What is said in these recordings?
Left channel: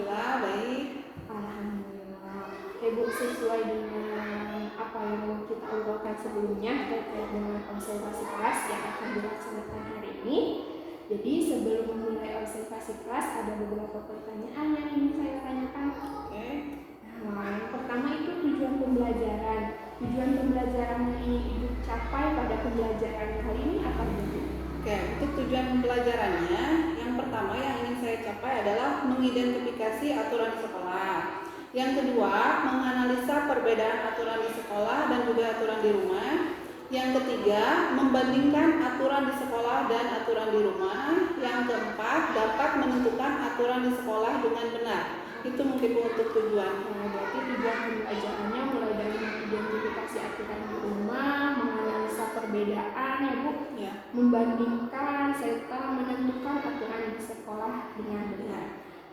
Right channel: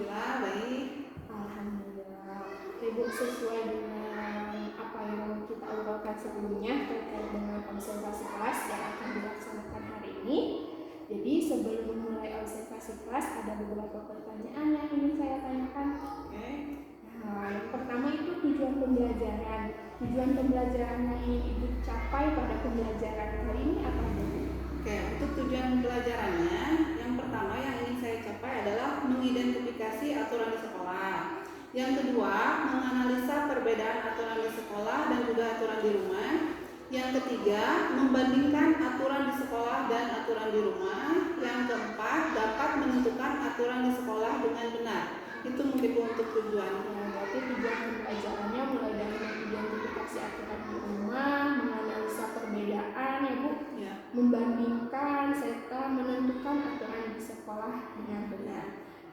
Alhamdulillah baik. Alhamdulillah. Ibu, sesuai dengan apa yang kita obrolkan sebelumnya terkait dengan observasi kelas yang akan dilaksanakan hari ini. Jadi sebelum memulai observasi kelas ada beberapa pertanyaan yang ingin saya tanyakan. Oke. Nah, yang pertama itu tujuan pembelajaran. Tujuan pembelajaran yang Ibu capai pada pembelajaran kali ini apa Bu? Oke, untuk tujuan pelajarannya, yang pertama yang ingin saya capai adalah mengidentifikasi aturan di sekolah. Yang kedua, menganalisa perbedaan aturan di sekolah dan juga aturan di rumah. Yang ketiga, membandingkan aturan di sekolah dan aturan di rumah. Yang keempat, dapat menentukan aturan di sekolah dengan benar. Itu mungkin untuk tujuan. Berarti tujuan pembelajarannya mulai dari mengidentifikasi aturan di rumah, menganalisa perbedaan ya Bu, Ya. membandingkan serta menentukan aturan di sekolah dengan benar.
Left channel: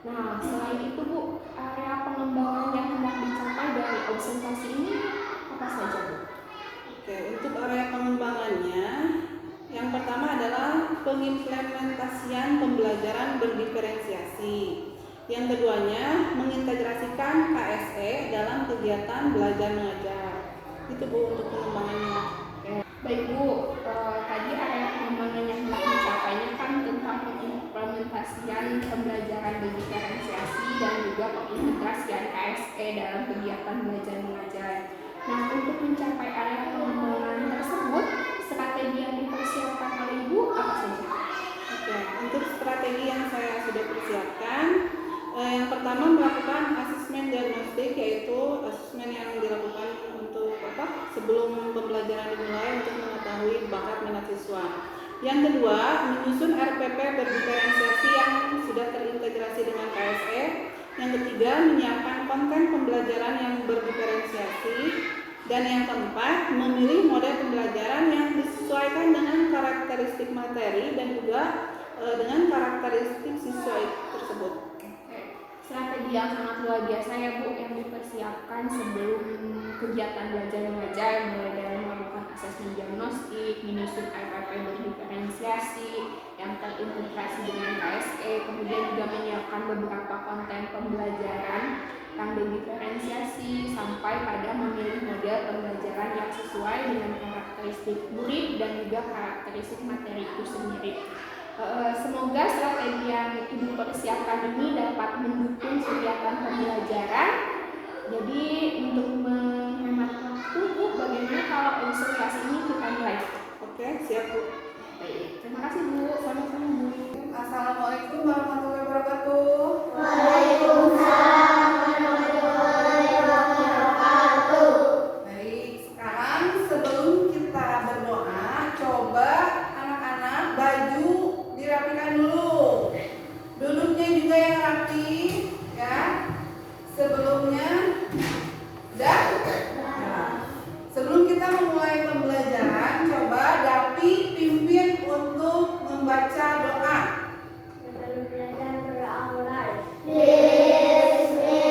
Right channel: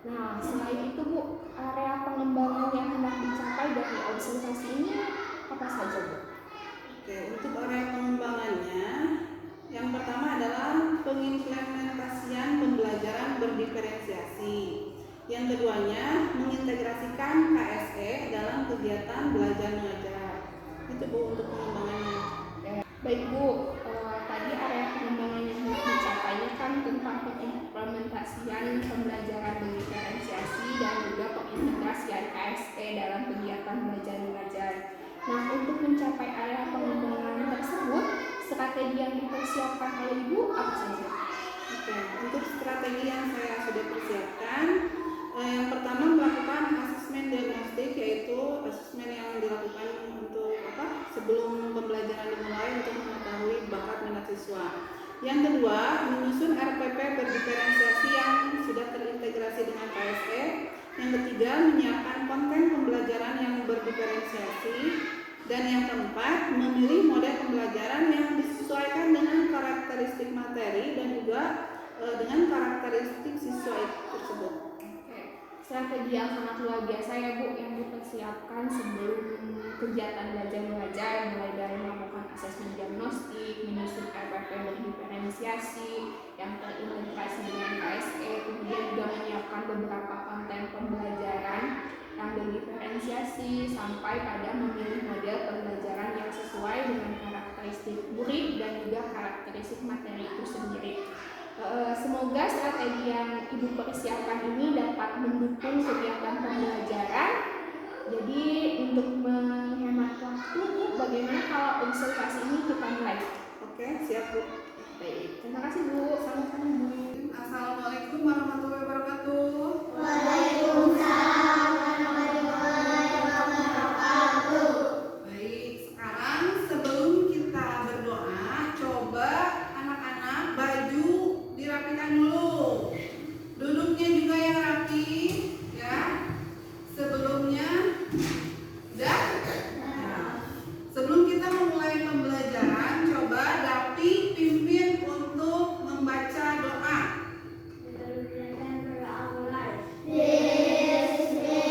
Nah, selain itu Bu, area pengembangan yang hendak dicapai dari observasi ini apa saja Bu? Oke, untuk area pengembangannya, yang pertama adalah pengimplementasian pembelajaran berdiferensiasi. Yang keduanya, mengintegrasikan KSE dalam kegiatan belajar mengajar. Itu Bu untuk pengembangannya. Baik Bu, tadi area pengembangan yang hendak dicapainya kan tentang pengimplementasian pembelajaran berdiferensiasi dan juga pengintegrasian KSE dalam kegiatan belajar mengajar. Nah, untuk mencapai area pengembangan tersebut, strategi yang dipersiapkan oleh Ibu apa saja? Oke, untuk strategi yang saya sudah persiapkan, yang pertama melakukan asesmen diagnostik, yaitu asesmen yang dilakukan untuk sebelum pembelajaran dimulai untuk mengetahui bakat minat siswa. Yang kedua, menyusun RPP berdiferensiasi yang sudah terintegrasi dengan KSE. Yang ketiga, menyiapkan konten pembelajaran yang berdiferensiasi. Dan yang keempat, memilih model pembelajaran yang disesuaikan dengan karakteristik materi dan juga dengan karakteristik siswa tersebut. Strategi yang sangat luar biasa ya Bu, yang dipersiapkan sebelum kegiatan belajar mengajar, mulai dari melakukan asesmen diagnostik, menyusun RPP berdiferensiasi yang terintegrasi dengan KSE, kemudian juga menyiapkan beberapa konten pembelajaran yang berdiferensiasi sampai pada memilih model pembelajaran yang sesuai dengan karakteristik murid dan juga karakteristik materi itu sendiri. Semoga strategi yang Ibu persiapkan ini dapat mendukung kegiatan pembelajaran. Jadi untuk menghemat waktu Bu, bagaimana kalau observasi ini kita mulai? Oke, siap Bu. Baik, terima kasih Bu. Sama-sama Bu. Assalamualaikum warahmatullahi wabarakatuh. Waalaikumsalam warahmatullahi wabarakatuh. Baik, sekarang sebelum kita berdoa, coba anak-anak baju dirapikan dulu. Duduknya juga yang rapi, ya. Sebelumnya, udah? Nah, sebelum kita memulai pembelajaran, coba Dapi pimpin untuk membaca doa. Bismillahirrahmanirrahim.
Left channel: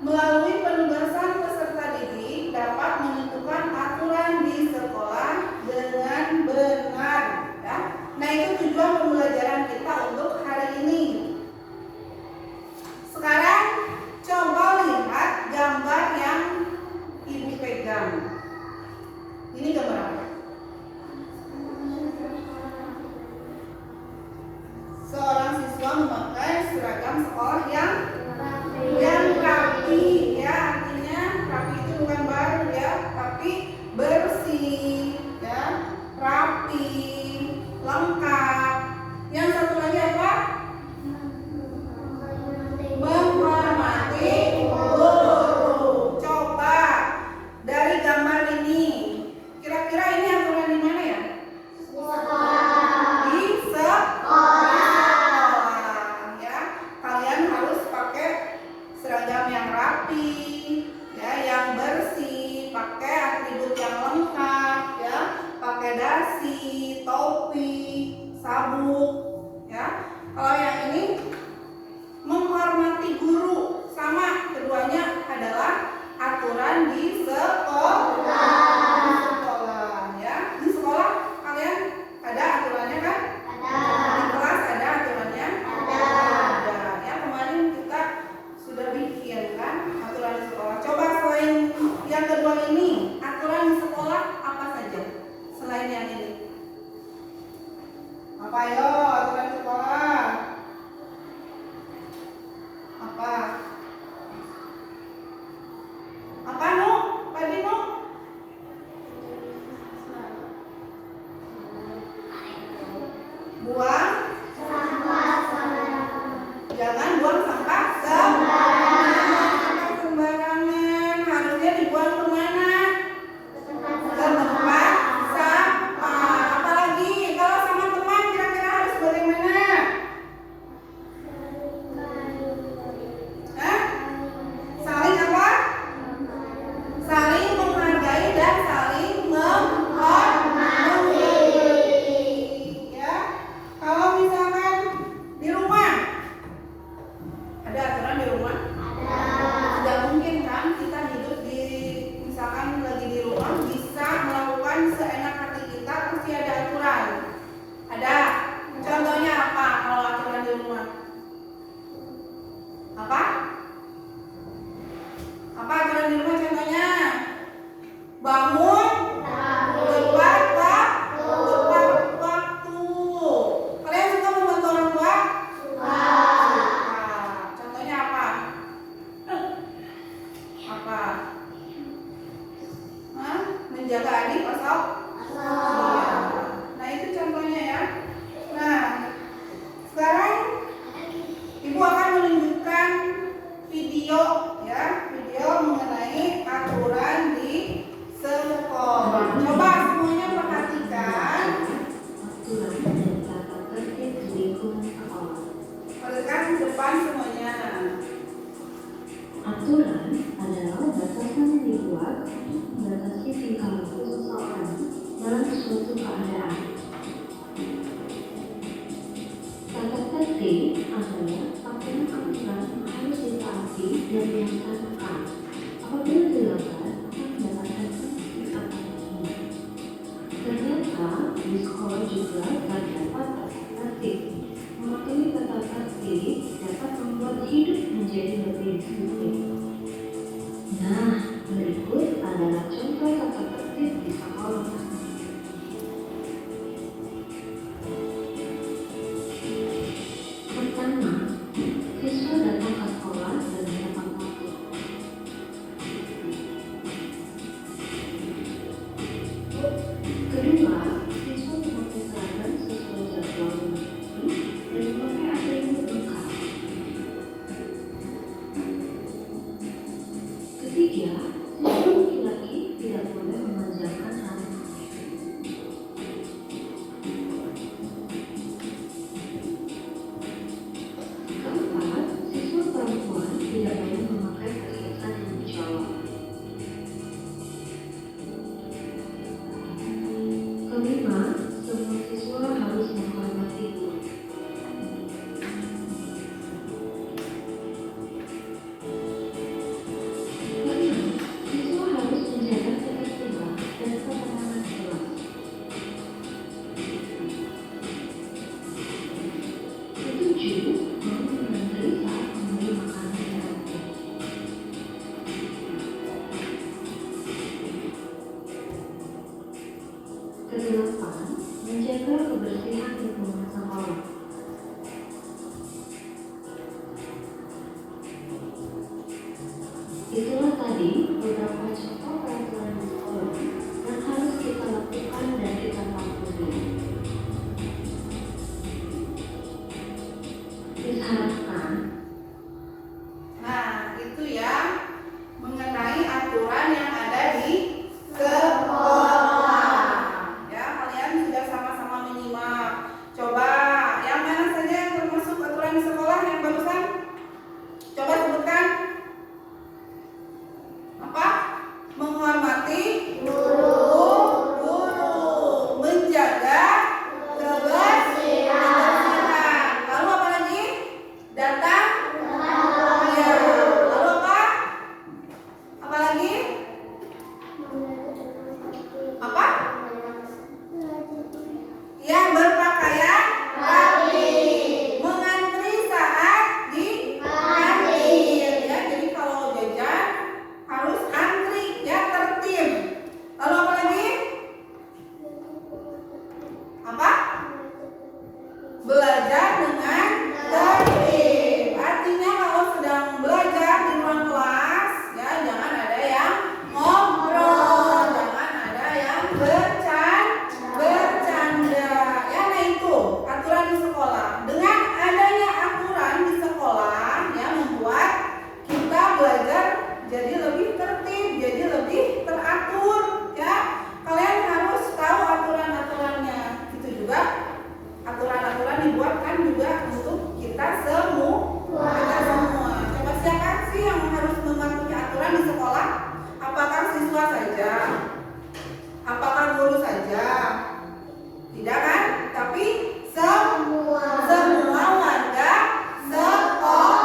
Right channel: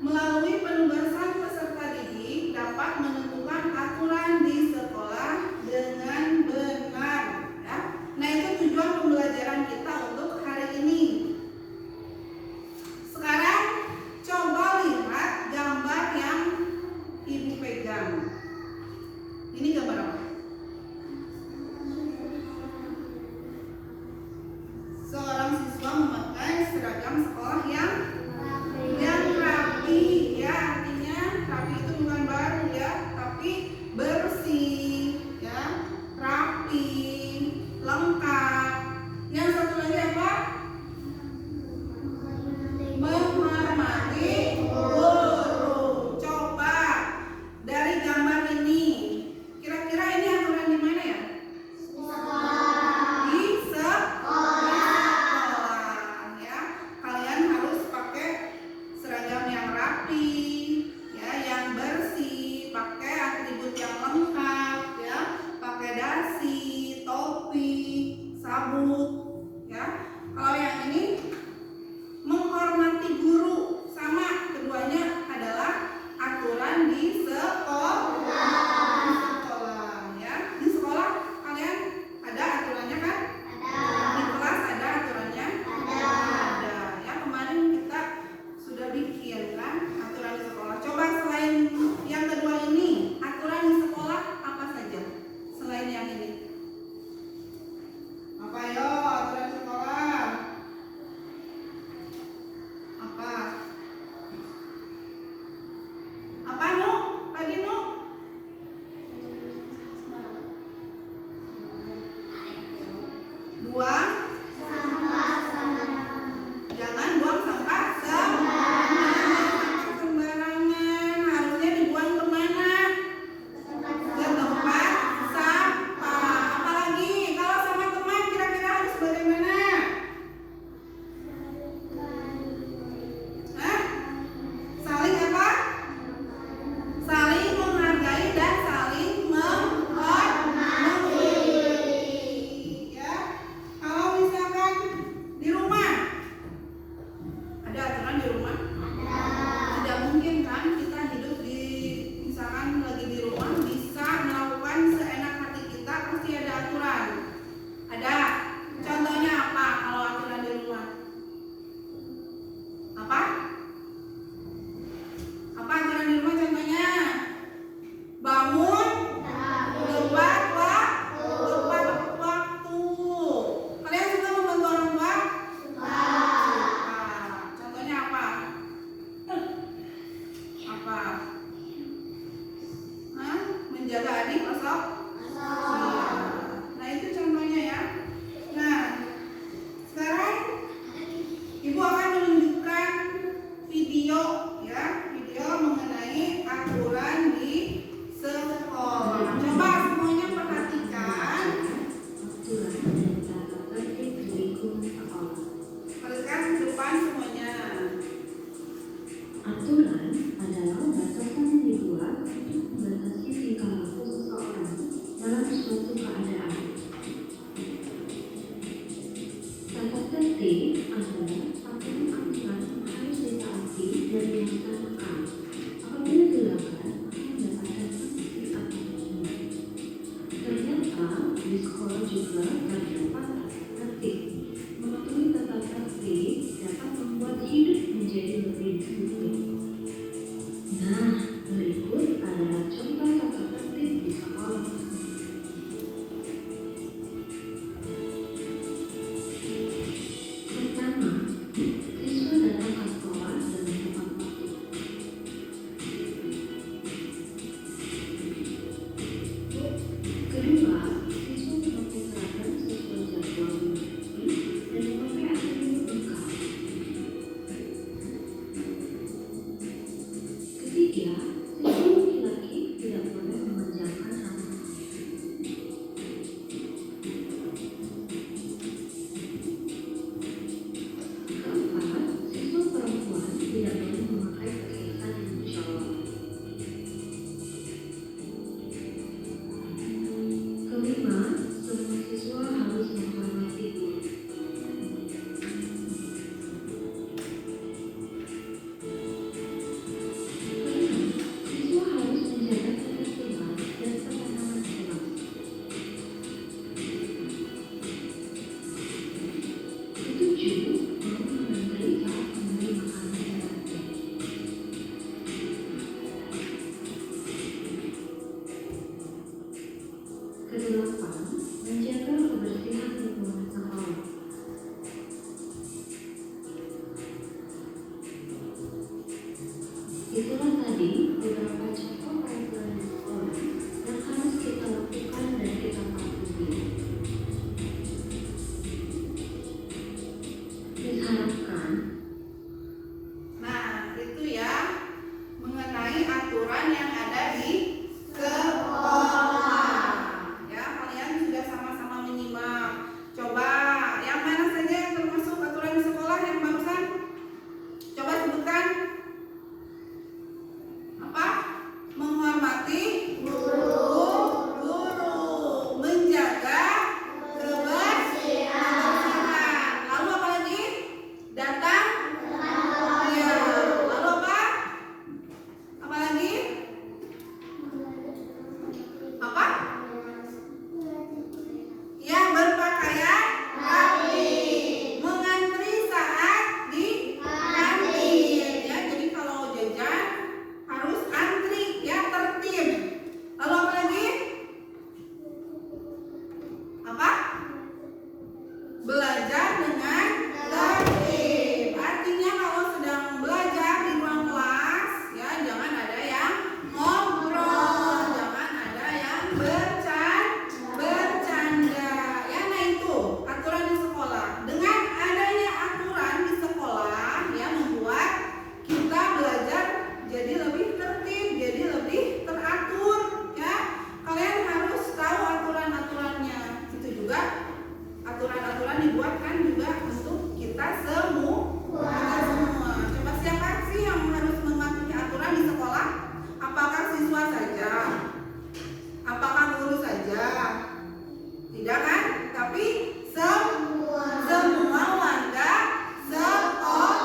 Melalui penugasan peserta didik dapat menentukan aturan di sekolah dengan benar, ya. Nah, itu tujuan pembelajaran kita untuk hari ini. Sekarang coba lihat gambar yang Ibu pegang. Ini gambar apa? Seorang siswa memakai seragam sekolah yang rapi, ya. Artinya rapi itu bukan baru, ya, tapi bersih, ya, rapi, lengkap. Yang satu lagi apa? Menghormati guru. Coba dari gambar ini, kira-kira ini aturan di mana ya? Di sekolah, ya. Kalian harus pakai seragam yang rapi, ya, yang bersih, pakai atribut yang lengkap, ya, pakai dasi, topi, sabuk, ya. Kalau yang ini menghormati guru, sama, keduanya adalah aturan di sekolah, ya. Di sekolah kalian ada aturannya kan? Di kelas ada aturannya? Ada, ya. Kemarin kita sudah bikin kan aturan di sekolah. Coba selain yang kedua ini, aturan di sekolah apa saja selain yang ini? Apa yo aturan di sekolah? Apa? Apa Nu? Tadi Nu? Buang jangan buang sampah sembarangan. Harusnya dibuang kemana? Ke tempat sampah. Apalagi kalau sama teman kira-kira harus bagaimana? Hah? Saling apa? Saling menghargai dan saling menghormati, ya. Kalau misalkan di rumah ada aturan di rumah? Tidak mungkin kan kita hidup di, misalkan lagi di rumah bisa melakukan seenak hati kita, pasti ada aturan. Ada. Contohnya apa kalau aturan di rumah? Apa? Apa aturan di rumah contohnya? Bangun tepat waktu. Kalian suka membantu orang tua? Suka. Contohnya apa? Apa? Hah? Menjaga adik atau? Iya. Nah, itu contohnya, ya. Nah, sekarang Ibu akan menunjukkan video, ya, video mengenai aturan di sekolah. Coba semuanya perhatikan. Perhatikan ke depan semuanya. Aturan adalah batasan yang dibuat untuk membatasi tingkah laku seseorang dalam suatu keadaan. Tata tertib adalah aturan-aturan yang harus ditaati dan dilaksanakan. Apabila dilanggar, akan mendapatkan sanksi atau hukuman. Ternyata di sekolah juga terdapat tata tertib. Mematuhi tata tertib dapat membuat hidup menjadi lebih disiplin. Nah, berikut adalah contoh tata tertib di sekolah. Pertama, siswa datang ke sekolah dengan tepat waktu. Kedua, siswa memakai seragam sesuai jadwal dan memakai atribut lengkap. Ketiga, siswa laki-laki tidak boleh memanjangkan rambut. Keempat, siswa perempuan tidak boleh memakai perhiasan yang mencolok. Kelima, semua siswa harus menghormati guru. Itulah tadi beberapa contoh peraturan di sekolah yang harus kita lakukan dan kita patuhi. Diharapkan Nah, itu ya mengenai aturan yang ada di sekolah. Ya, kalian sudah sama-sama menyimak. Coba yang mana saja yang termasuk aturan di sekolah yang barusan? Coba sebutkan. Apa? Menghormati guru, menjaga kebersihan. Lalu apa lagi? Datang. Ya. Lalu apa? Apa lagi? Apa? Ya, berpakaian rapi. Mengantri saat di kantin. Ya, jadi kalau jajan harus antri, ya, tertib. Lalu apa lagi? Apa? Belajar dengan tertib. Artinya kalau sedang belajar di ruang kelas, ya jangan ada yang ngobrol, jangan ada yang bercanda. Ya, nah itu aturan di sekolah. Dengan adanya aturan di sekolah, ya membuat kita belajar jadi lebih tertib, jadi lebih teratur. Ya, kalian harus tahu aturan-aturannya. Itu juga aturan-aturan dibuatkan juga untuk kita semua. Coba siapa sih yang harus mematuhi aturan di sekolah? Apakah siswa saja? Apakah guru saja? Tidak kan? Tapi semua warga sekolah.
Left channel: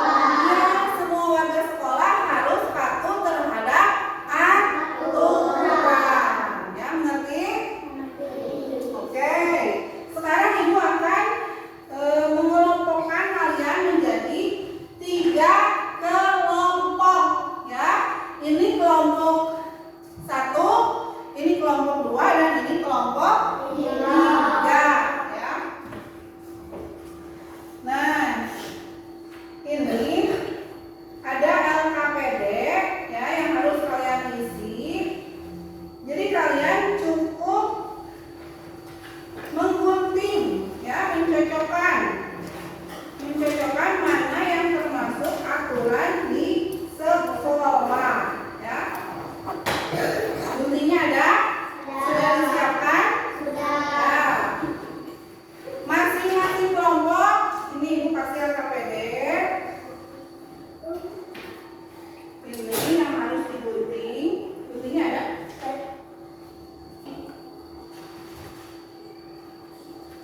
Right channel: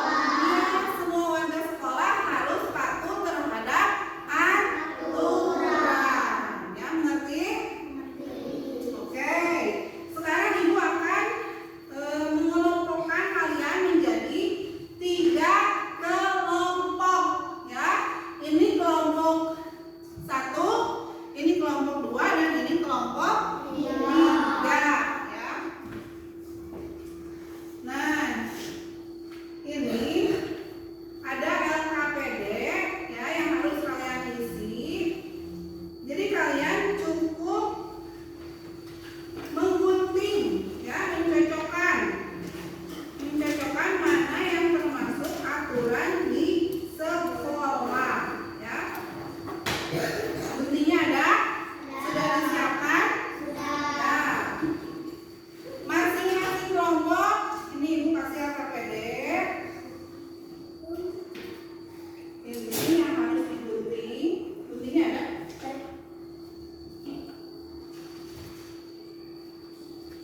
Ya, semua warga sekolah harus patuh terhadap aturan. Ya, mengerti? Oke. Sekarang Ibu akan mengelompokkan kalian menjadi 3 kelompok. Ya, ini kelompok 1, ini kelompok 2, dan ini kelompok 3. Ya. Nah, ini ada LKPD ya yang harus kalian isi. Jadi kalian cukup menggunting, ya, mencocokkan mana yang termasuk aturan di sekolah. Ya, guntingnya ada? Sudah disiapkan? Ya. Masing-masing kelompok ini Ibu kasih LKPD. Ini yang harus digunting. Guntingnya ada?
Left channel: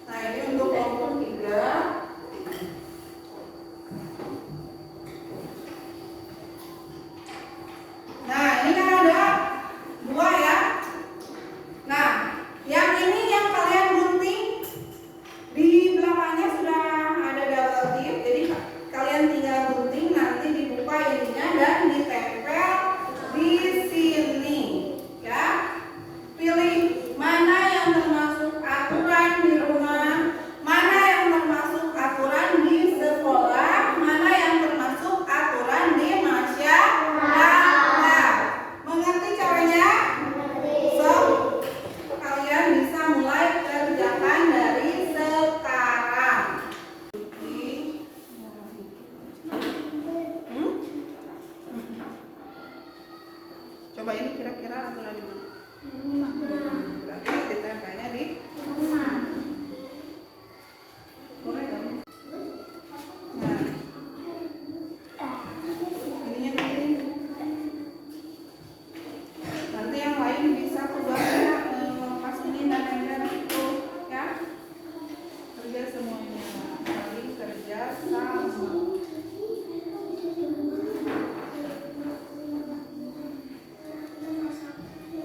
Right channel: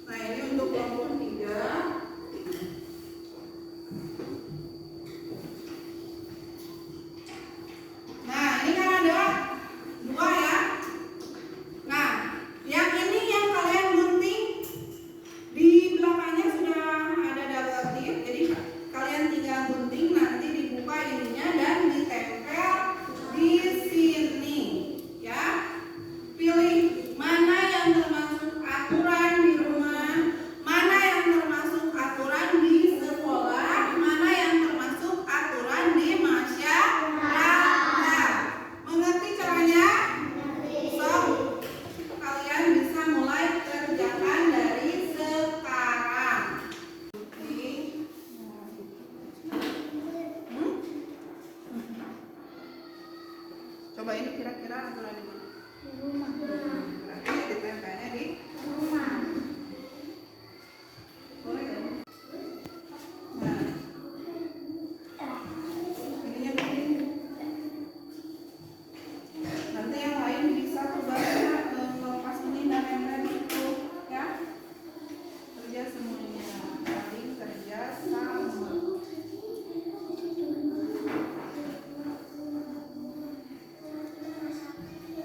Nah, ini untuk kelompok 3. Nah, ini kan ada 2 ya. Nah, yang ini yang kalian gunting di belakangnya sudah ada double tip. Jadi kalian tinggal gunting, nanti dibuka ininya dan ditempel di sini. Ya. Pilih mana yang termasuk aturan di rumah, mana yang termasuk aturan di sekolah, mana yang termasuk aturan di masyarakat. Mengerti caranya? So, kalian bisa mulai kerjakan dari sekarang. Coba ini kira-kira aturan di mana? Berarti ditempelnya di boleh ya? Nah, ininya begini. Nanti yang lain bisa tugasnya lepas ini dan nempel itu, ya. Kerja semuanya, saling kerja sama.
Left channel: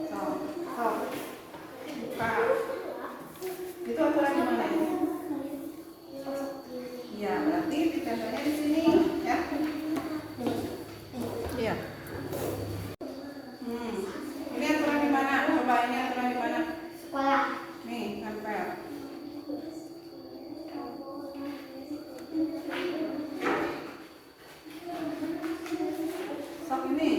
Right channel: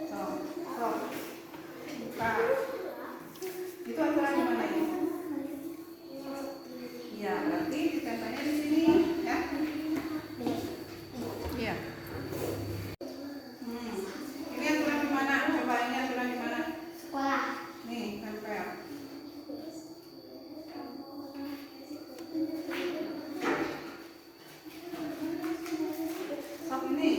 So, buka. Itu aturan di mana ini? Ya, berarti ditempelnya di sini, ya. Iya. Ini aturan di mana? Coba ini aturan di mana? Sekolah. Nih, nempel. Sok ini.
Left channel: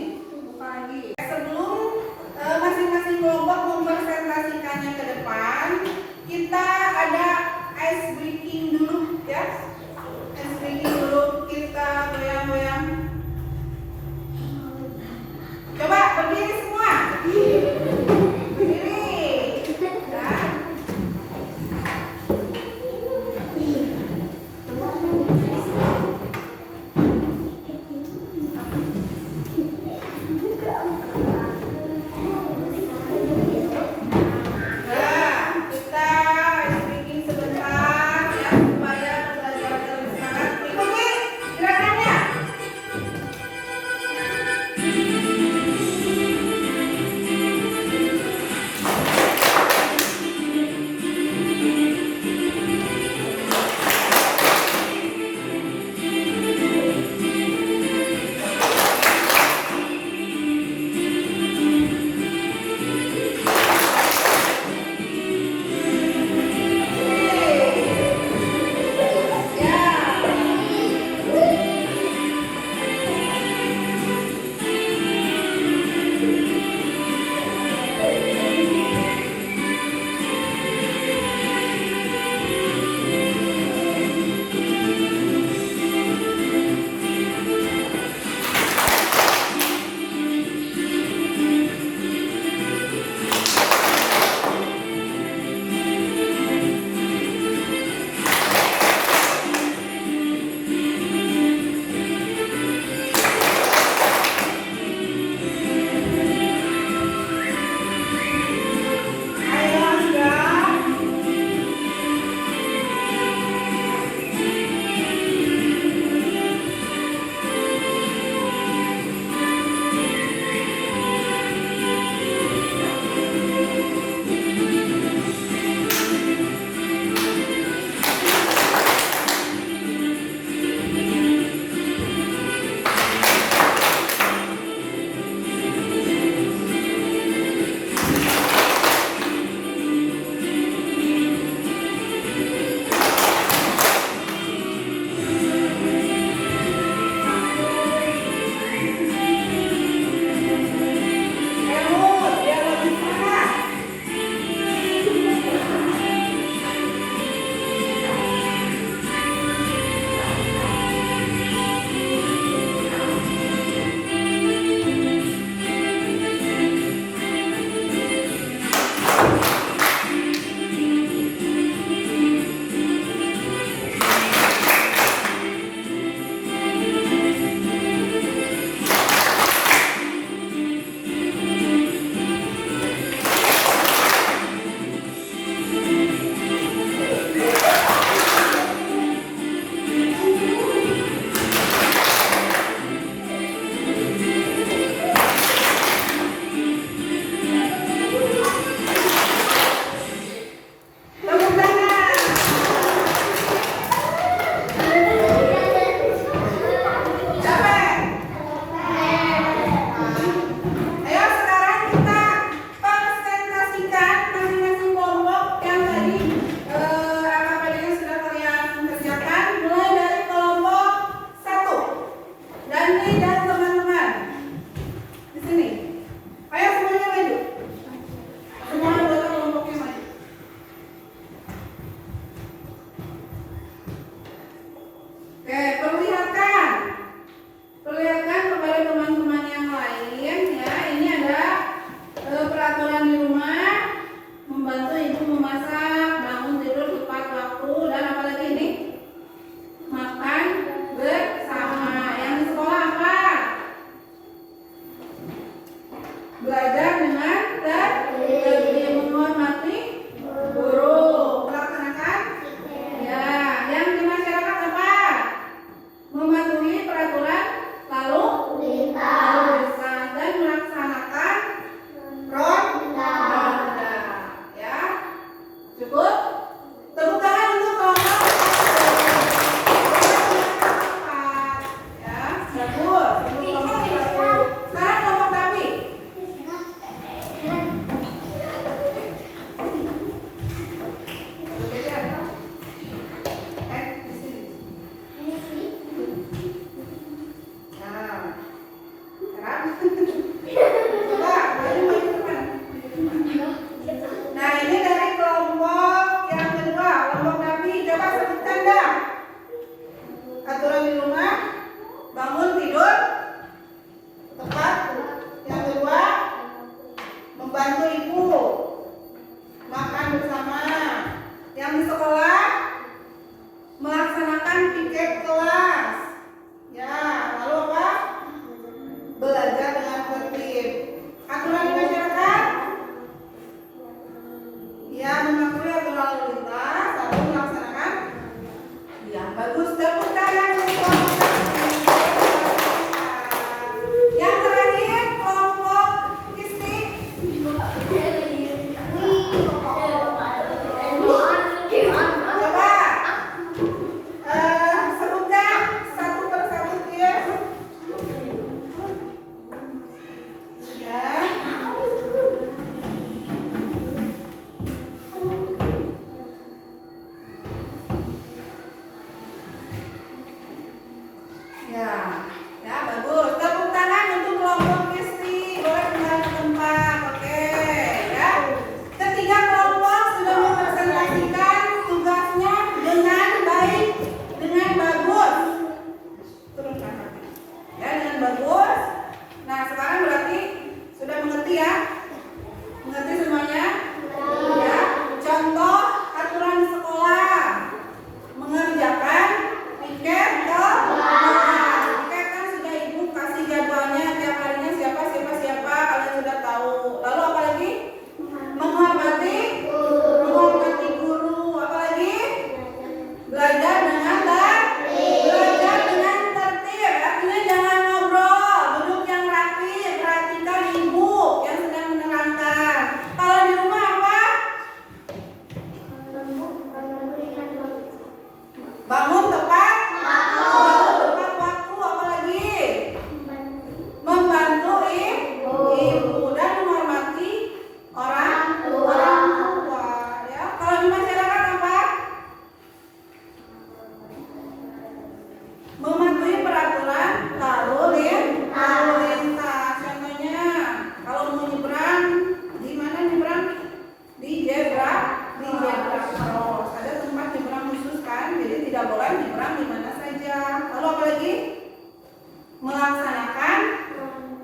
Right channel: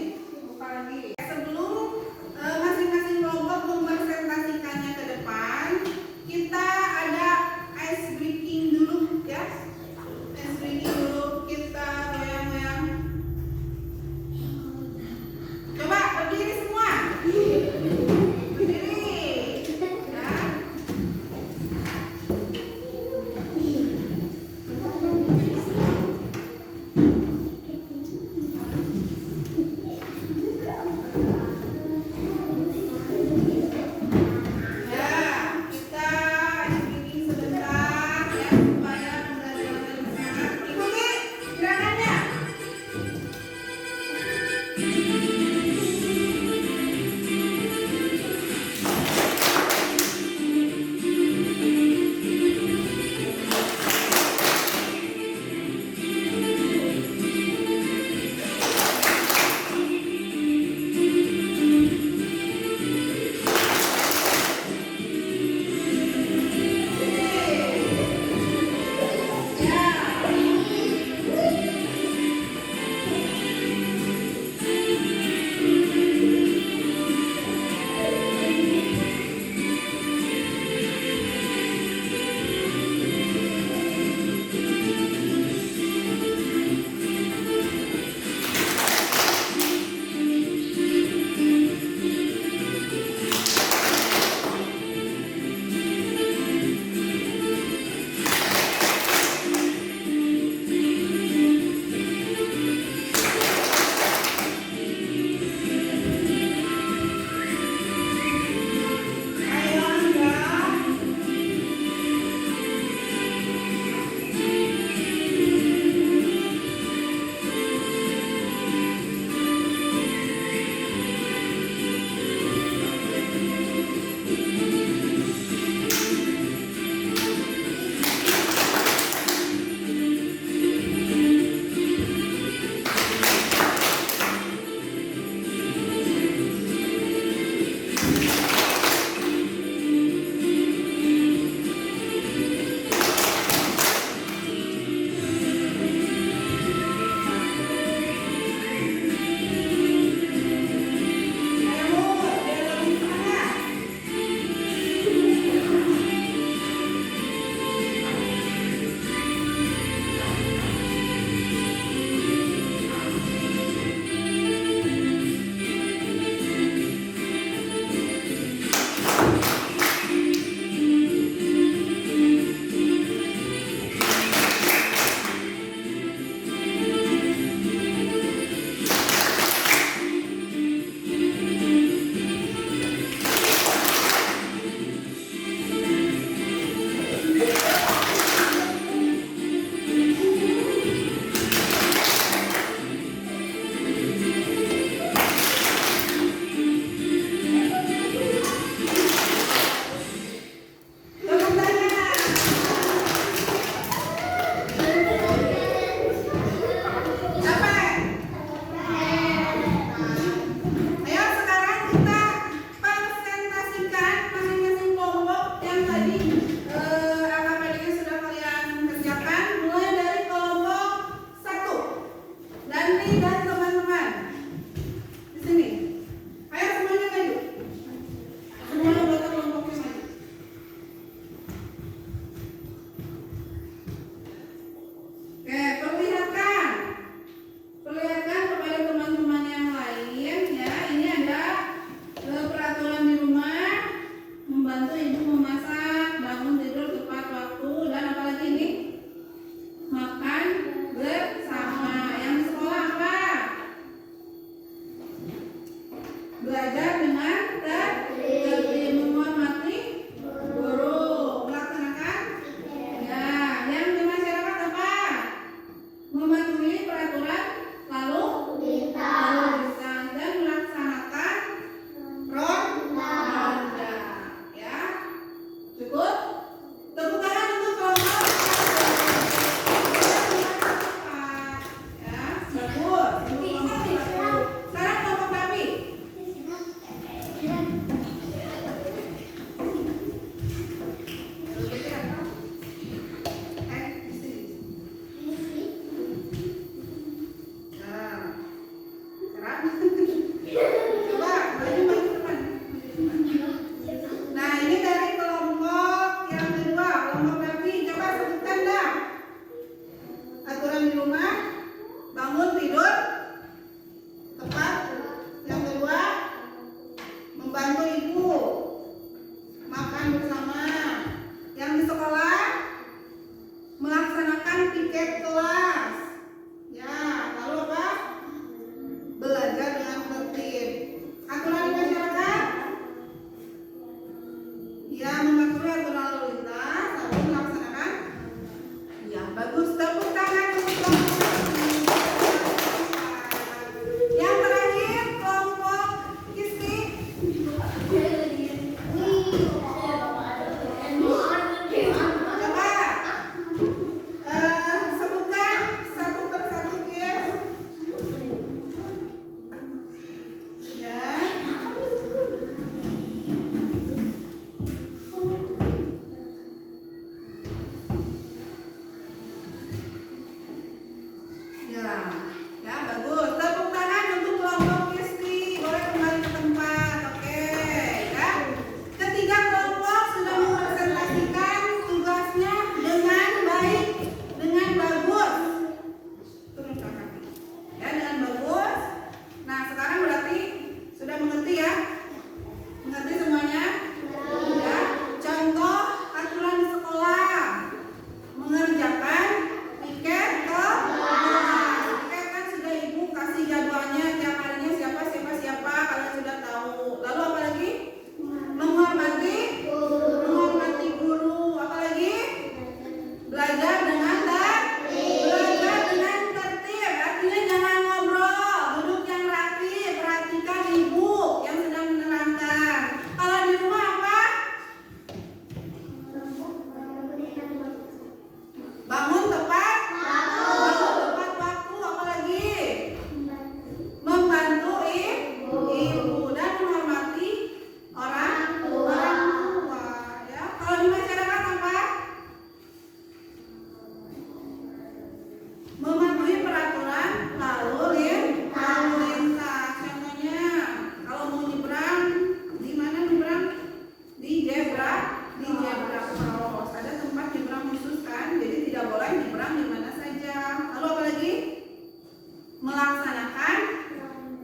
melaksanakan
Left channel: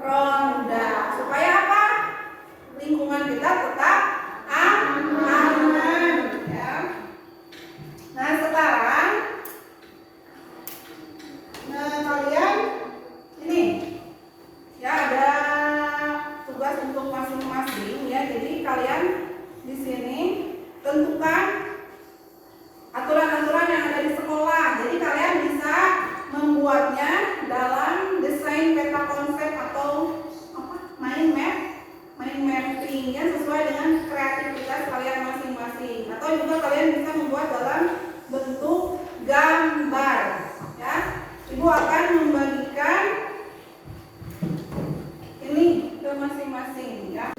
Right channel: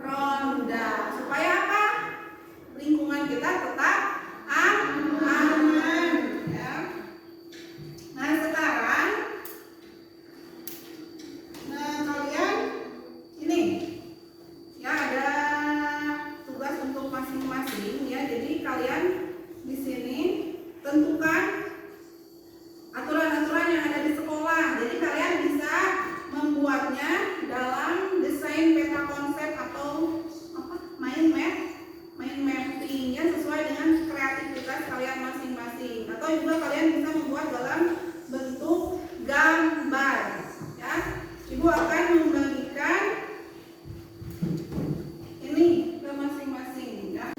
ronda. Supaya apa? Lingkungan kita tetap aman, ya. Nah, sekarang kalian ini ya ada tugas untuk masing-masing ya. Jadi kalian di sini tentukan aturan-aturan yang ada di sekolah. Jadi kalian bisa membuatnya dalam desain peta konsep atau mind mapping ya, sesuai dengan kreativitas kalian masing-masing. Atau juga kalian bisa membuat dalam bentuk gambar ya. Ibu akan membagikan ini ke masing-masing ya.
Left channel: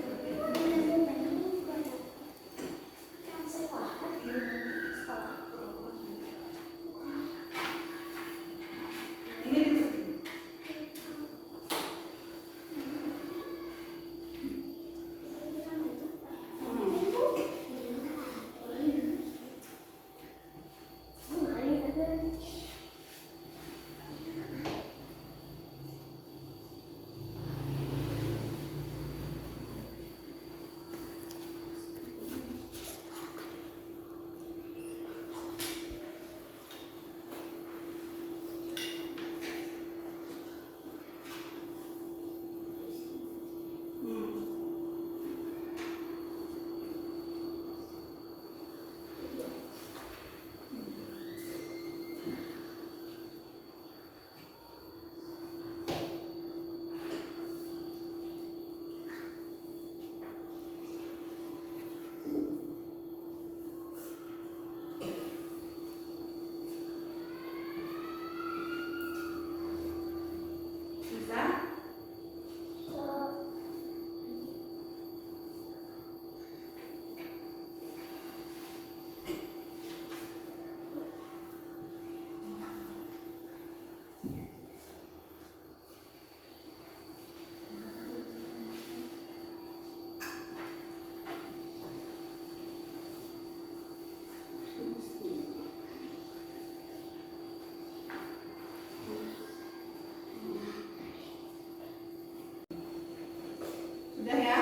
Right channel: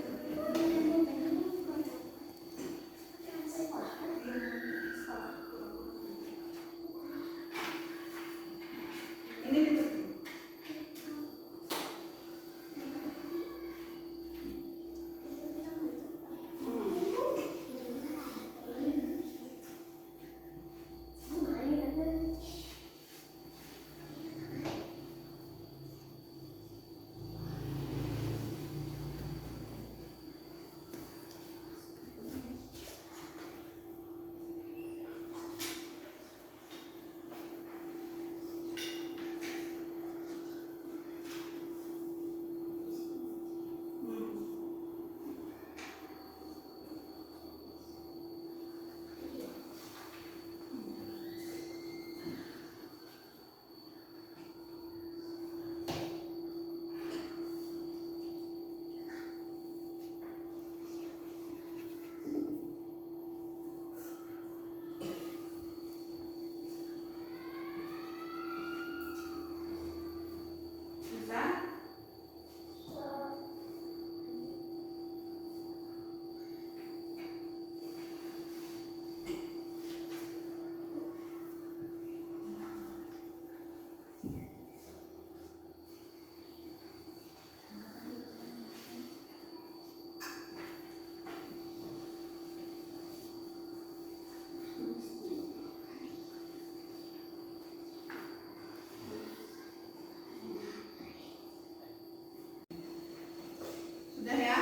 Sudah ya?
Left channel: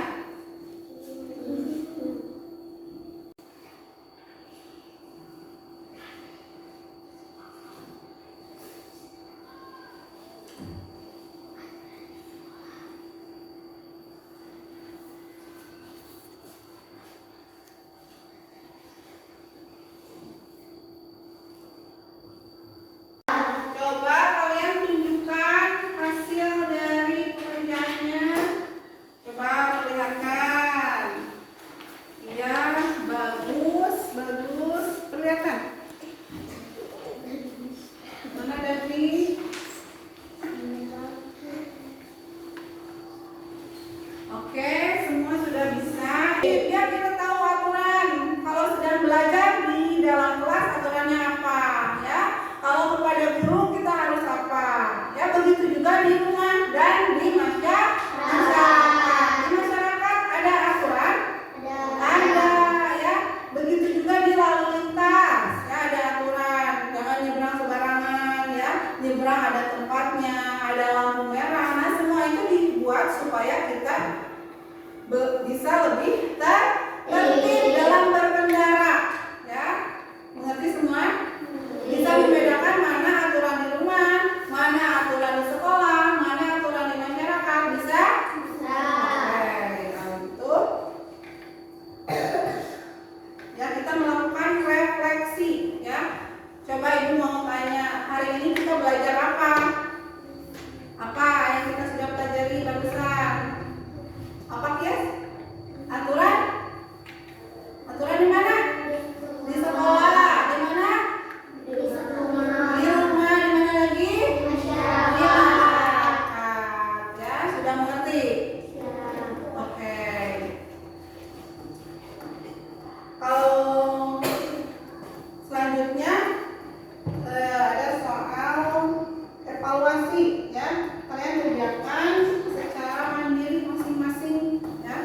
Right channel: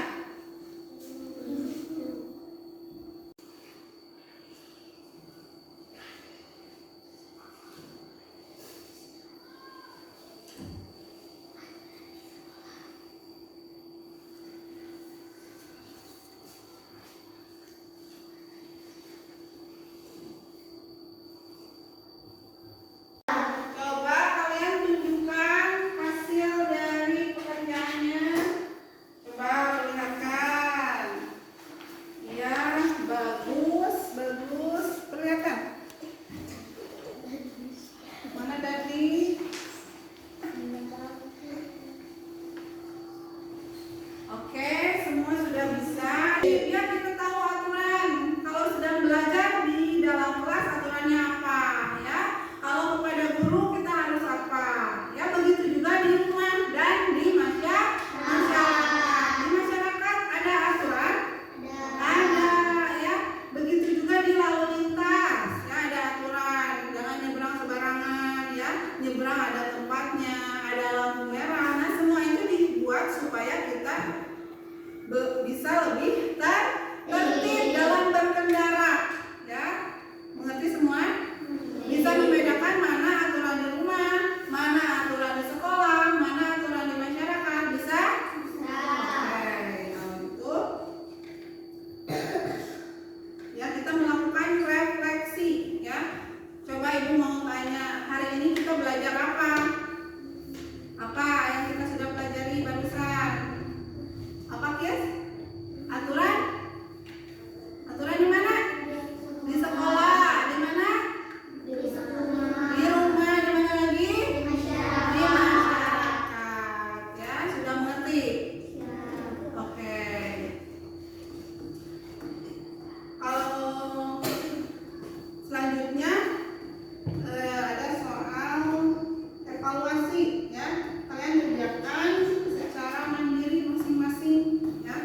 Coba kalian tunjukkan hasil dari pekerjaannya. Coba perlihatkan. Iya, bagus, bagus. Perlihatkan. Mana tadi? Oke, semua sudah bisa. Biar kita tahu aturan. Kalau sedang belajar di dalam kelas aturannya apa, ya. Kalau kepada guru kita harus apa, ya. Begitu juga di rumah dan di masyarakat. Di masyarakat ada aturan, ada, ya. Begitu juga di lalu lintas, ya, ada aturan. Jangan nyebrang sembarangan, ya. Nyebrang ada tempatnya, ada lampu merah. Nah, semua itu dibuat supaya kita bisa lebih tertib dalam berkendara, ya. Mengerti semua? Bisa membedakan mana aturan di rumah, mana aturan di sekolah, mana aturan di masyarakat. Bisa? Oke, kalau gitu ya kita melakukan refleksi, ya. Coba ibu mau tanya, hari ini kita belajar apa? Apa yang kita sudah pelajari barusan? Apa, Kis? Aturan? Aturan di mana? Di sekolah. Di mana? Di rumah. Di mana lagi? Di masyarakat. Ya, sudah mengerti? Oke. Kalau selanjutnya ada soal evaluasi, ya. Kalian kerjakan secara mandiri masing-masing, ya.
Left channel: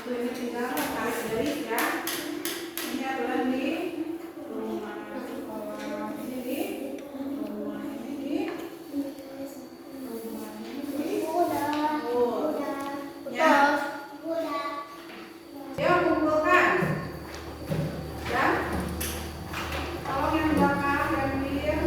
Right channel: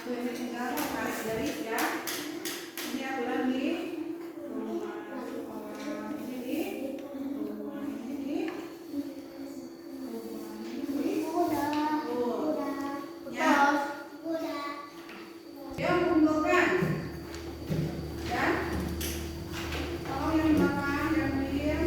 Untuk ini tinggal tarik garis ya. Ini adalah di rumah sekolah, ini di rumah, ini di rumah, ini di ya. Yang mengumpulkan ya. Tolong yang belakang dan biar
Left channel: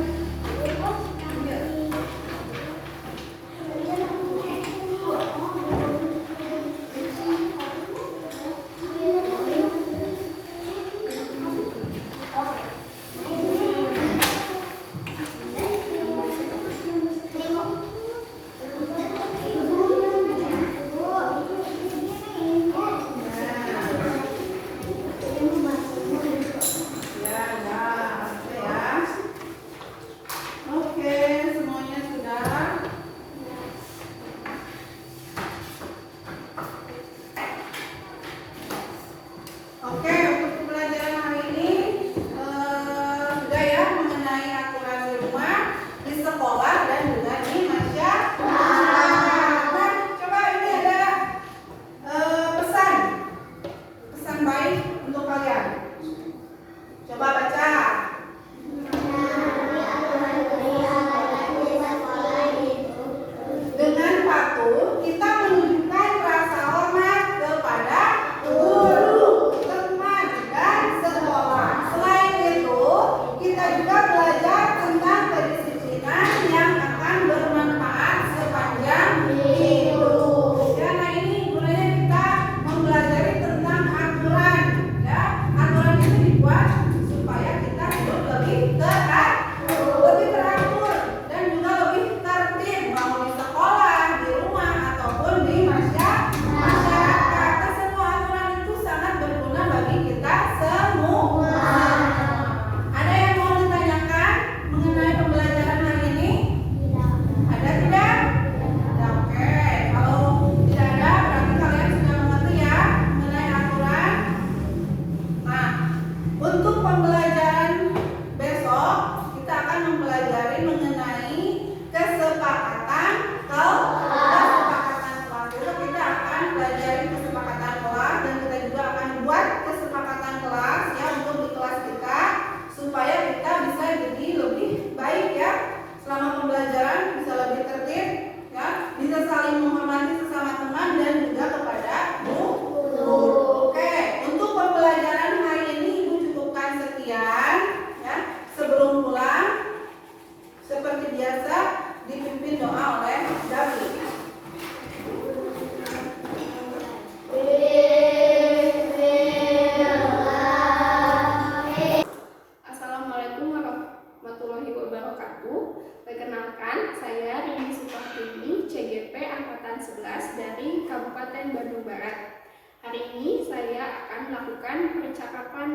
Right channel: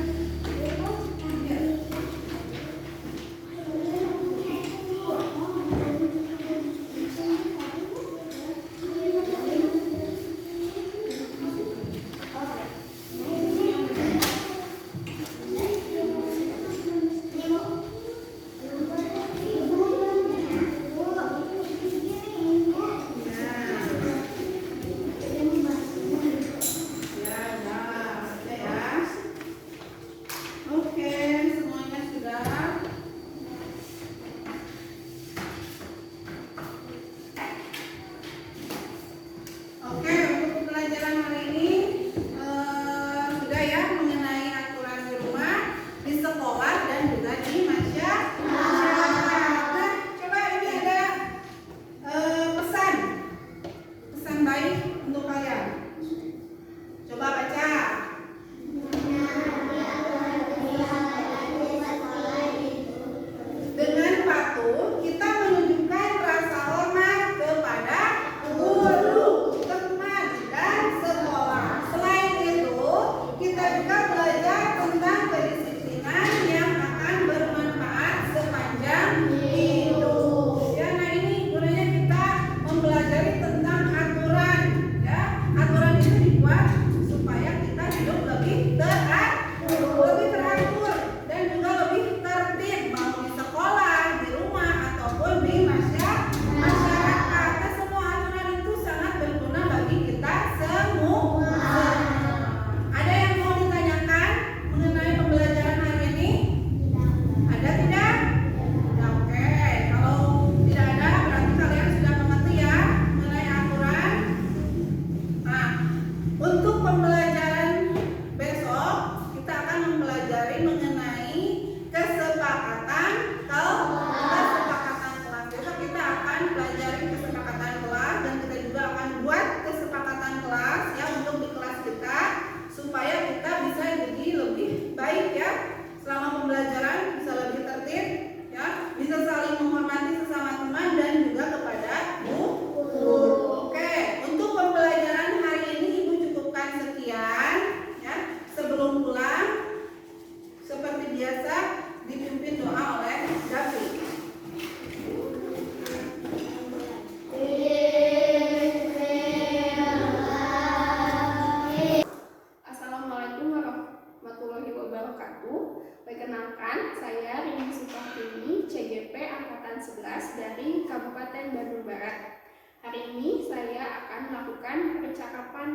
Perkenalkan, saya Rini Supartini, CGP Angkatan 11 dari Kabupaten Bandung Barat. Hari ini saya akan melakukan percakapan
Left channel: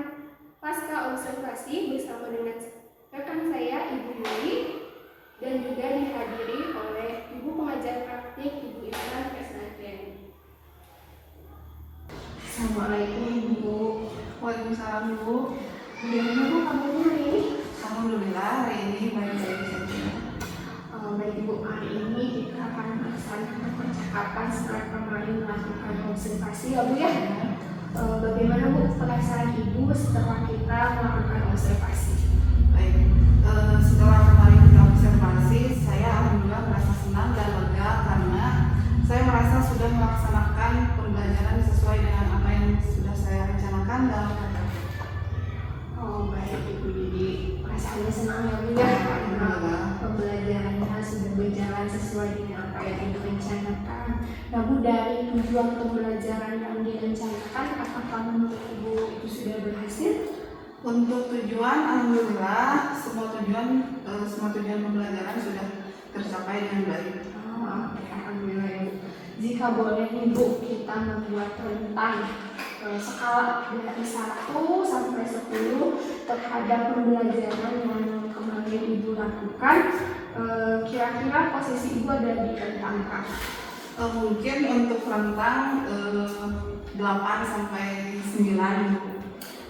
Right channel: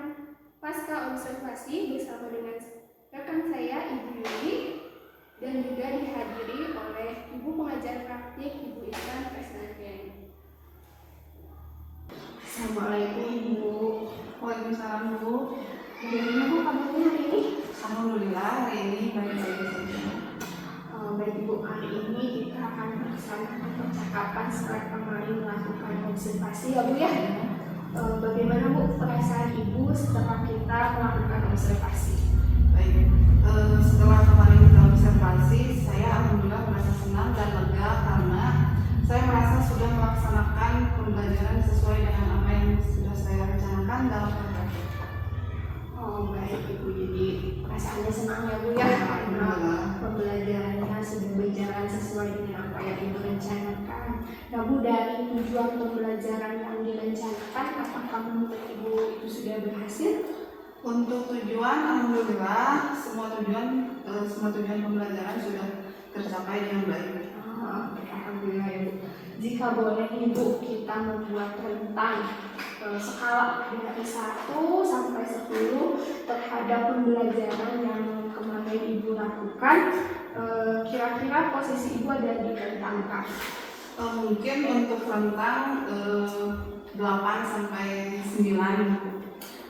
pasca observasi bersama dengan rekan saya, Ibu Yuli, dan juga dihadiri oleh Ibu Pengajar Praktik, Ibu Islan Kesnatiani. Assalamualaikum Ibu. Waalaikumsalam Bu. Bagaimana Bu kabarnya hari ini? Alhamdulillah hari ini baik-baik saja. Baik Ibu, hari ini kita akan melaksanakan percakapan setelah kemarin melakukan observasi ya Bu ya. Bagaimana Bu perasaan Ibu setelah kita melakukan observasi? Baik, setelah kemarin kita observasi, saya alhamdulillah merasa senang dan lega karena saya merasa sudah melaksanakan pembelajaran sesuai dengan apa yang sudah saya rencanakan dalam KTP. Oh baik Ibu, jadi perasaannya senang ya Bu ya karena pembelajarannya sudah berjalan sesuai dengan apa yang Ibu rencanakan. Nah Bu, dari tujuan pembelajaran yang direncanakan, apakah menurut Ibu itu sudah berhasil? Untuk tujuan, alhamdulillah semua tujuan pembelajaran sudah tercapai dengan baik. Oh, alhamdulillah ya Bu. Jika boleh nih Bu, kita membuat rentang skala dari 1 sampai 10 terhadap pembelajaran yang kemarin Ibu lakukan. Kira-kira posisi Ibu ada di rentang berapa? Mungkin untuk rentang 8 sampai 9.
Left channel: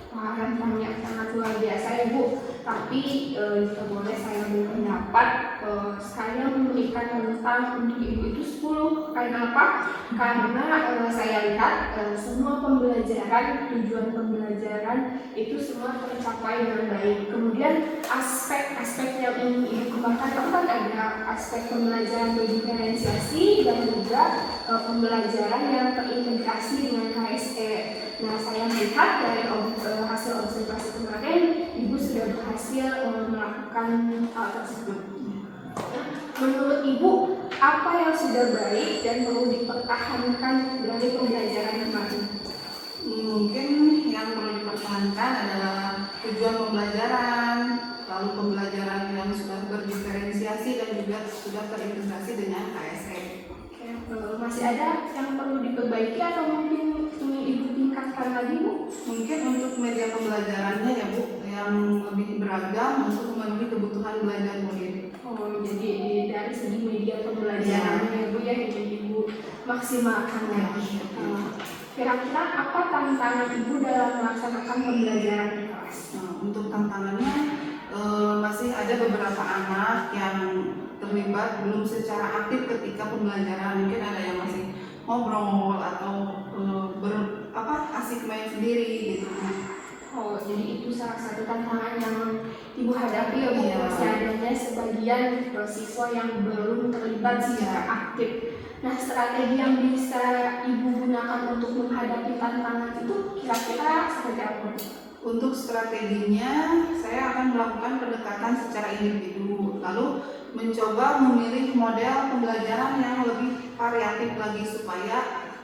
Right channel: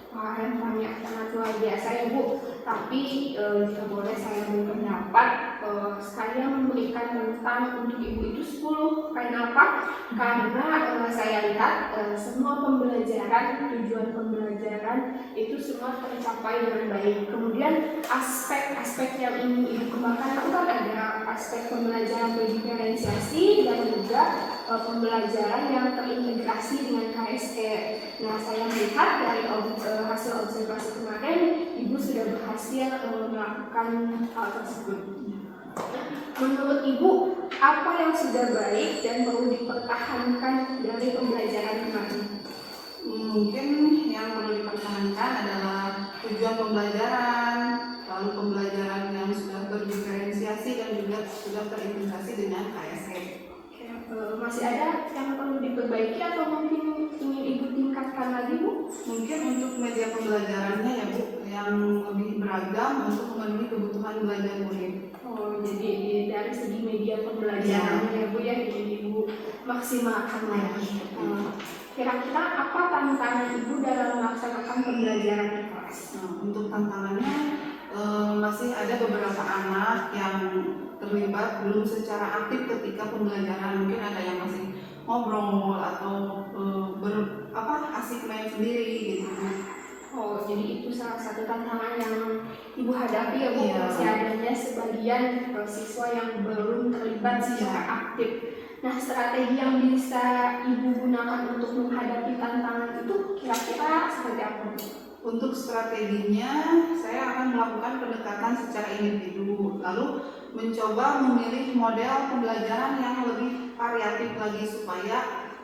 Wah, rentangnya sangat luar biasa ya Bu. Tapi jika boleh saya berpendapat saya memberikan rentang untuk ibu itu 10. Karena apa? Karena saya lihat semua pembelajaran, tujuan pembelajaran itu semua tercapai dengan baik. Kemudian aspek-aspek yang ingin ibu kembangkan itu kan ada aspek pembelajaran berdiferensiasi dan juga pembelajaran yang terintegrasi dengan KSE. Nah, saya melihat dari hasil observasi kemarin, ibu sudah berhasil melakukan hal tersebut. Menurut ibu, apa yang sudah baik dan perlu dipertahankan dari pembelajaran kemarin? Mungkin yang perlu dipertahankan adalah tujuan pembelajaran, lalu pembelajaran yang sudah berdiferensiasi dan juga sudah terintegrasi dengan KSE. Masih ada yang perlu diperbaiki atau mungkin ingin ibu tingkatkan lagi, Bu? Mungkin untuk media pembelajarannya ya Bu, yang lebih beragam untuk memenuhi kebutuhan belajar murid. Oh, jadi dari segi media pembelajarannya ya Bu ya, ingin ibu maksimalkan lagi. Kira-kira apa tantangan ibu dalam melaksanakan pembelajaran di kelas? Untuk tantangannya masih ada beberapa anak yang terlibat belum secara aktif ketika pembelajaran. Mungkin ada yang masih ngobrol atau asik main sendiri gitu. Oh, jadi itu salah satu tantangan yang ibu hadapi ya Bu. Iya. Masih adanya sebagian siswa yang belum terlibat secara aktif. Nah, strategi yang bisa ibu gunakan untuk menghadapi tantangan itu kira-kira seperti apa, Bu? Untuk strateginya, saya akan melakukan pendekatan secara individu, lalu mencoba memilih model pembelajaran yang lebih variatif lagi supaya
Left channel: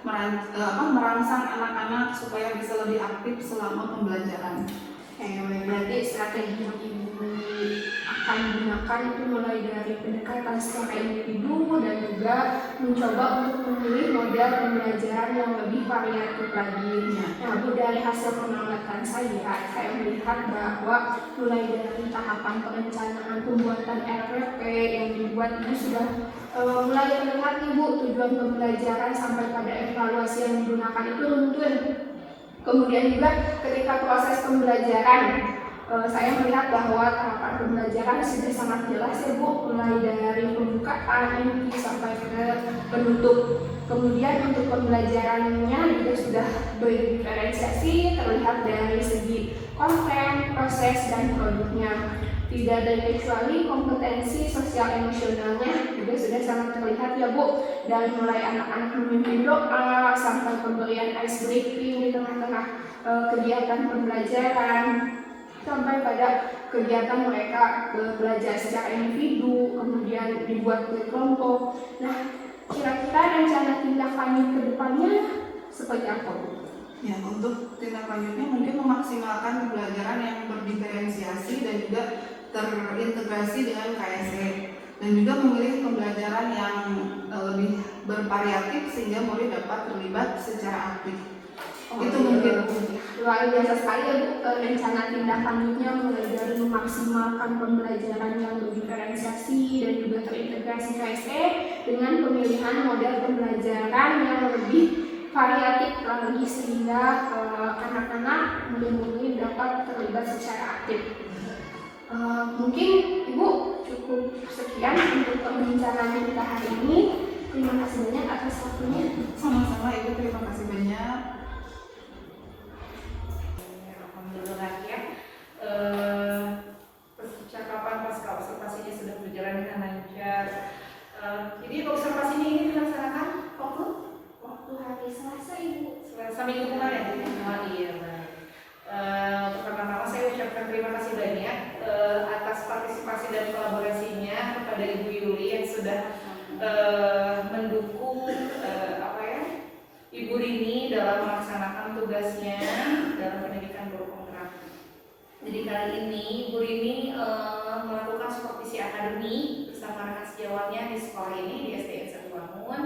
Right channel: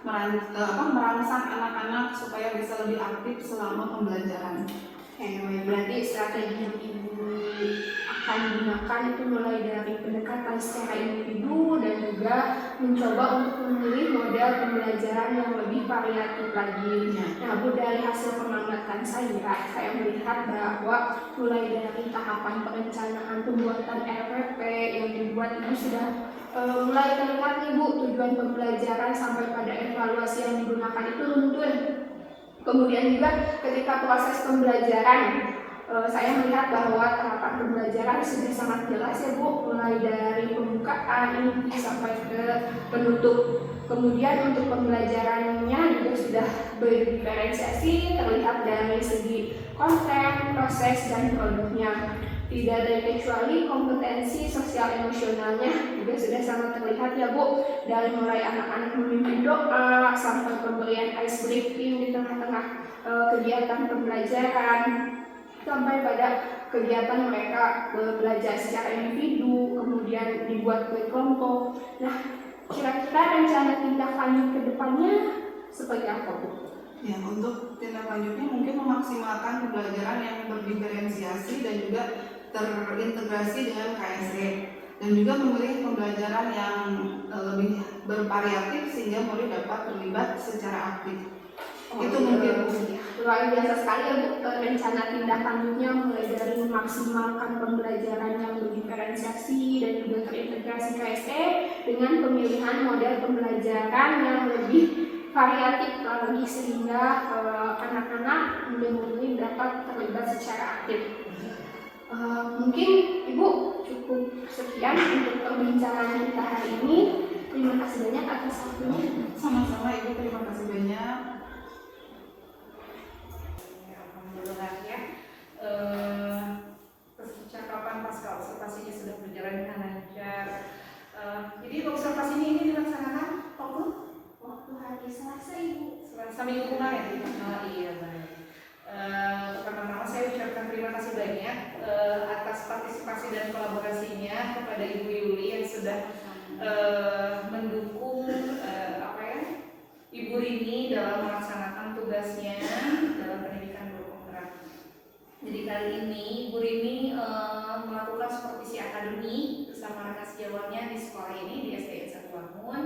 merangsang anak-anak supaya bisa lebih aktif selama pembelajaran. Berarti strategi yang ibu akan gunakan itu mulai dari pendekatan secara individu dan juga mencoba untuk memilih model pembelajaran yang lebih variatif lagi. Nah, Bu, dari hasil pengamatan saya melihat bahwa mulai dari tahapan perencanaan pembuatan RPP yang dibuat ini sudah mulai terlihat nih Bu, tujuan pembelajaran sampai pada evaluasi yang digunakan itu runtun. Kemudian juga ketika proses pembelajaran, saya melihat bahwa tahapan pembelajaran sudah sangat jelas ya Bu, mulai dari pembukaan inti sampai ke penutup. Kemudian untuk pembelajarannya juga sudah berdiferensiasi, terlihat dari segi konten, proses, dan produknya. Tidak terkecuali kompetensi sosial emosionalnya juga sudah sangat terlihat ya Bu, dari mulai anak-anak memimpin doa sampai pemberian ice breaking di tengah-tengah kegiatan pembelajaran, sampai pada kegiatan mereka belajar secara individu, kemudian dibuat oleh kelompok. Nah, kira-kira rencana tindak lanjut ke depannya seperti apa, Bu? Ya, untuk tindak lanjutnya mungkin memaksimalkan pembelajaran yang berdiferensiasi dan juga terintegrasi dengan KSE, dan juga memilih pembelajaran yang lebih bervariatif sehingga murid dapat terlibat secara aktif. Itu mungkin luar biasa sekali ya Bu, rencana tindak lanjutnya mulai dari memaksimalkan pembelajaran yang berdiferensiasi dan juga terintegrasi KSE dengan pemilihan model pembelajaran yang lebih variatif lagi sehingga anak-anak murid-murid dapat terlibat secara aktif. Mungkin Ibu cukup sekian untuk perbincangan kita hari ini. Terima kasih banyak atas waktunya. Sama-sama Ibu, terima kasih banyak. Alhamdulillah ya, percakapan pasca observasinya sudah berjalan dengan lancar. Jadi observasinya ini dilaksanakan waktu hari Selasa Ibu. Selasa minggu kemarin. Oh iya, baik. Pertama-tama saya ucapkan terima kasih banyak atas partisipasi dan kolaborasinya kepada Ibu Yuli yang sudah mendukung Ibu Rini dalam melaksanakan tugasnya dalam pendidikan guru penggerak. Jadi kali ini Ibu Rini melakukan supervisi akademi bersama rekan sejawatnya di sekolah ini di SDN 1 Bangun.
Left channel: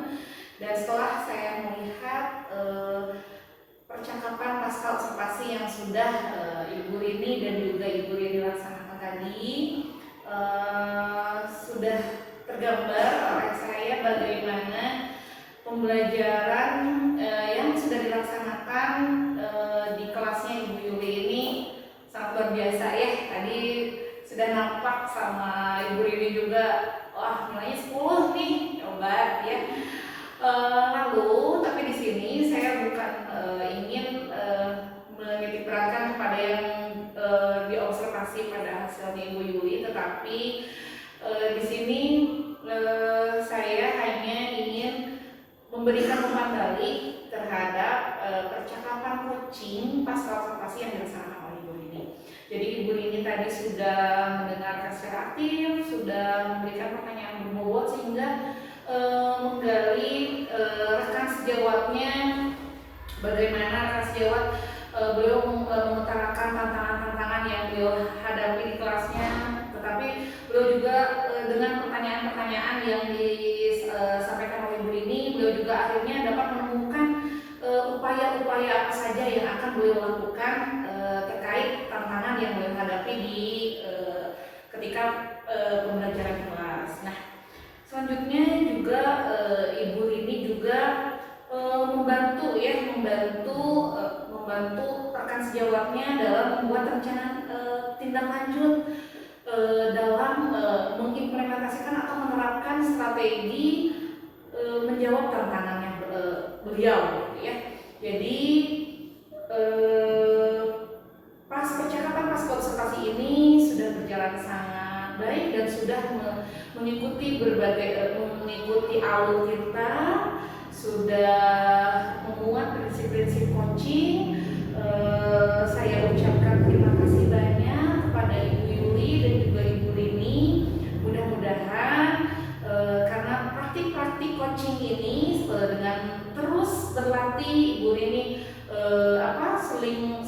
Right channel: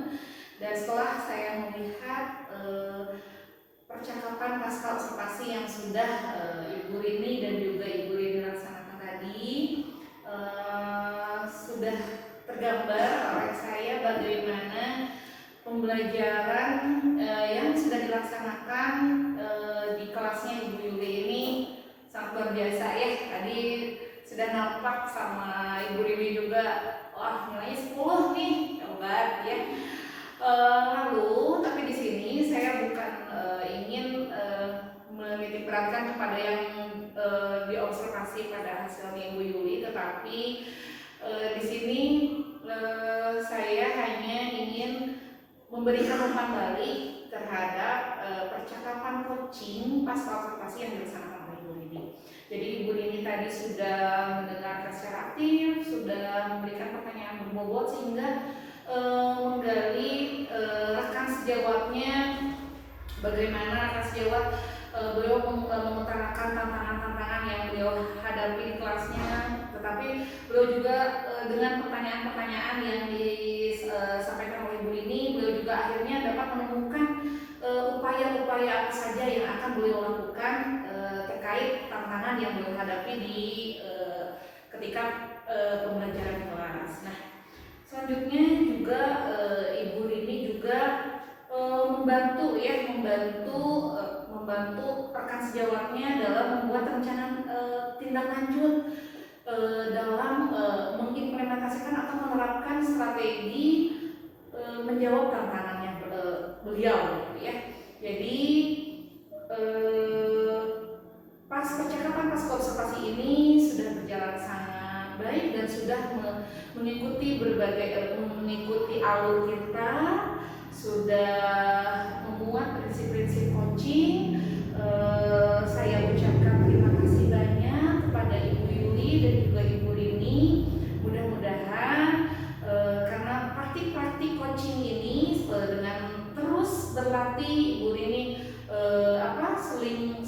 Dan setelah saya melihat percakapan pasca observasi yang sudah Ibu Rini dan juga Ibu Rini laksanakan tadi, sudah tergambar oleh saya bagaimana pembelajaran yang sudah dilaksanakan di kelasnya Ibu Yuli ini sangat luar biasa ya. Tadi sudah nampak sama Ibu Rini juga wah nilainya 10 nih, hebat ya. Lalu tapi di sini saya bukan ingin menitik beratkan kepada yang diobservasi pada hasilnya Ibu Yuli, tetapi di sini saya hanya ingin memberikan umpan balik terhadap percakapan coaching pasca observasi yang dilaksanakan oleh Ibu Rini. Jadi Ibu Rini tadi sudah mendengarkan secara aktif, sudah memberikan pertanyaan berbobot sehingga menggali rekan sejawatnya, bagaimana rekan sejawat beliau mengutarakan tantangan-tantangan yang beliau hadapi di kelasnya, tetapi beliau juga dengan pertanyaan-pertanyaan yang disampaikan oleh Ibu Rini, beliau juga akhirnya dapat menemukan upaya-upaya apa saja yang akan beliau lakukan terkait tantangan yang beliau hadapi di ketika pembelajaran kelas. Nah, selanjutnya juga Ibu Rini juga membantu rekan sejawatnya dalam membuat rencana tindak lanjut dalam mengimplementasikan atau menerapkan strategi menjawab tantangannya beliau gitu ya. Jadi pas percakapan pas observasi ini sudah berjalan sangat baik dan sudah mengikuti alur kita, sudah memuat prinsip-prinsip coaching. Saya ucapkan terima kasih banyak kepada Ibu Yuli dan juga Ibu Rini. Mudah-mudahan karena praktik-praktik coaching ini dengan terus berlatih, Ibu Rini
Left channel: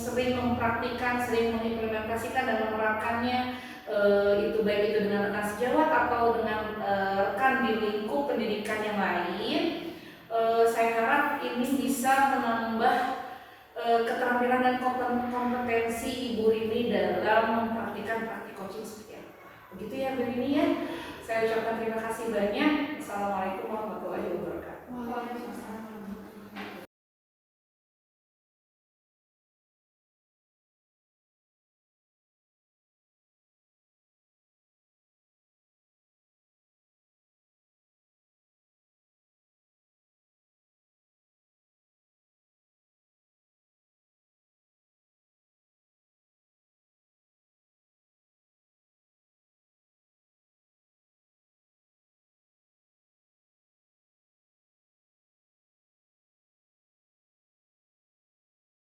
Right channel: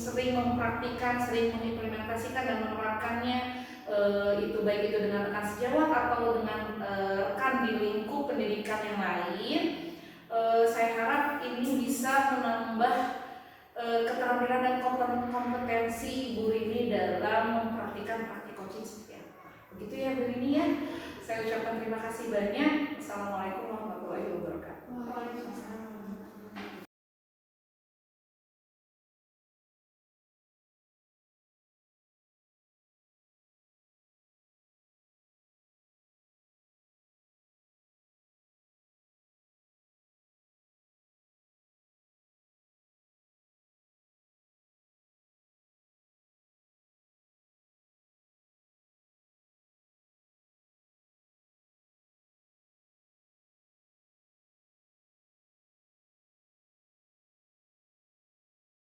sering mempraktikkan, sering mengimplementasikan dan menerapkannya, itu baik itu dengan rekan sejawat atau dengan rekan di lingkup pendidikan yang lain. Saya harap ini bisa menambah keterampilan dan kompetensi Ibu Rini dalam mempraktikkan praktik coaching seperti apa. Begitu ya Bu Rini ya. Saya ucapkan terima kasih banyak. Assalamualaikum warahmatullahi wabarakatuh. Waalaikumsalam.